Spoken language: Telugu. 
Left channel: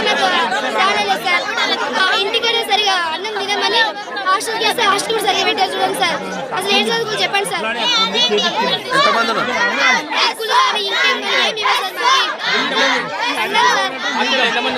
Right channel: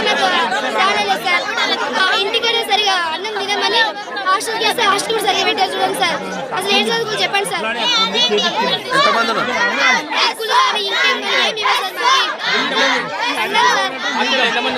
మొత్తం సాడలేదు సార్. ఇంటికైనా సరిగా అన్నం తినమని హాస్టల్కి వేస్తే హాస్టల్ కూడా సరిగా పెట్టారు చూడండి సార్. అసలు ఏం చదువుకుని చెప్పండి సార్. ఇంకేం ఏమి సార్.